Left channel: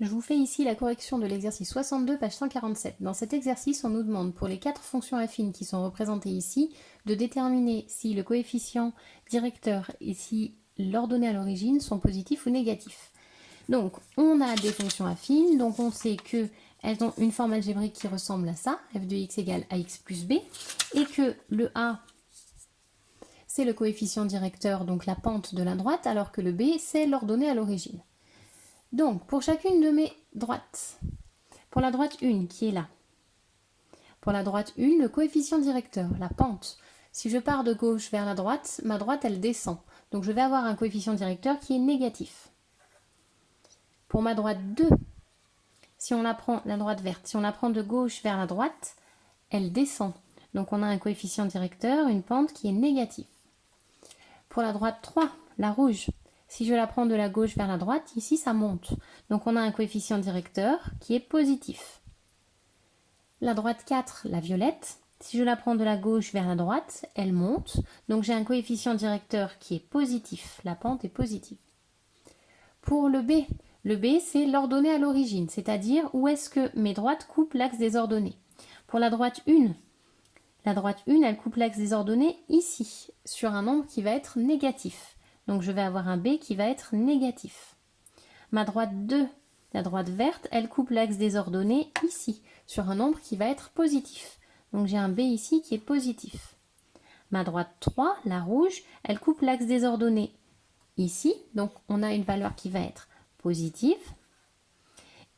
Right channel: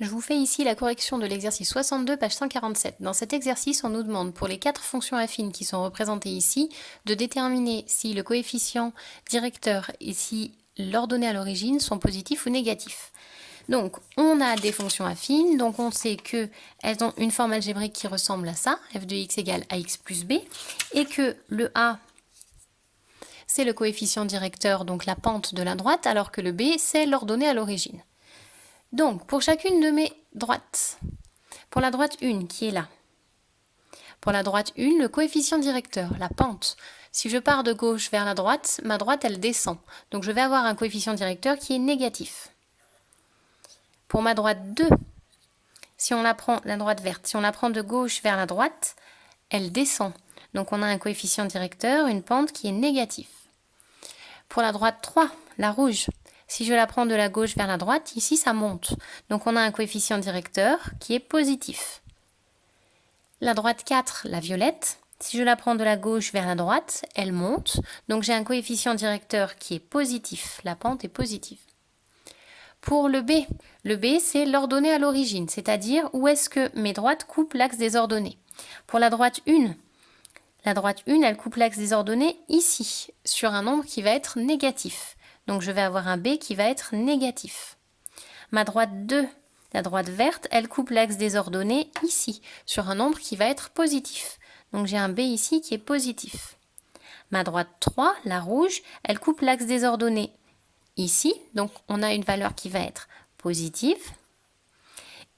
Je vous fais ici la correction de l'exercice 62, page 147. Dans cet exercice, on nous demande pour les 4 fonctions affines qui sont représentées ici, de déterminer si le coefficient directeur et si l'ordonnée à l'origine sont positifs ou négatifs. Donc, on a des fonctions affines, donc on sait qu'elles ont une forme algébrique qui ressemble à ça, f de x égale ax plus b, et que le a, c'est le coefficient directeur, donc la pente de la droite, alors que le b, c'est l'ordonnée à l'origine. Donc, pour chacune de mes droites, pour la droite 1 qui est là, pour la droite 1, le coefficient directeur, la pente, si je pars de gauche vers la droite, ma droite elle descend. Donc je vais avoir un coefficient directeur qui est négatif. Pour ma droite 2, si on la prend, la droite verte, si on la prend de gauche vers la droite, elle descend. Donc on a un coefficient directeur, une pente qui est négatif. Pour la droite 3, la rouge, si je la prends de la gauche vers la droite, ici ça monte. Donc on a un coefficient directeur qui est positif. La droite 4, la violette, si je la prends de la gauche vers la droite, elle monte. Donc j'ai un coefficient directeur qui est positif. La pente est positive. Pour le B c'est l'ordonnée à l'origine, c'est-à-dire où est-ce que mes droites coupent l'axe des ordonnées. Pour la droite 1, elle coupe l'axe des ordonnées ici, sur un nombre qui va être négatif. Donc je vais avoir un B qui va être négatif. Ma droite 2, la droite verte, elle coupe l'axe des ordonnées ici, sur un nombre qui va être positif. Donc j'ai un B ici qui est positif. Ma droite 3, la rouge, elle coupe l'axe des ordonnées ici, donc on a une valeur qui va être positive.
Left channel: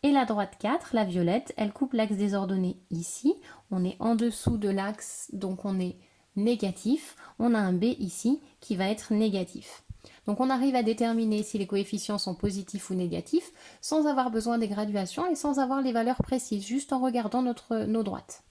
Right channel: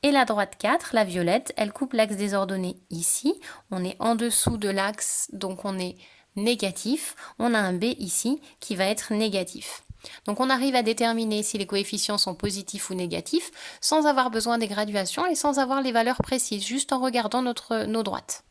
Et la droite 4, la violette, elle coupe l'axe des ordonnées ici. On est en dessous de l'axe, donc on est négatif. On a un B ici qui va être négatif. Donc on arrive à déterminer si les coefficients sont positifs ou négatifs sans avoir besoin des graduations et sans avoir les valeurs précises, juste en regardant nos droites.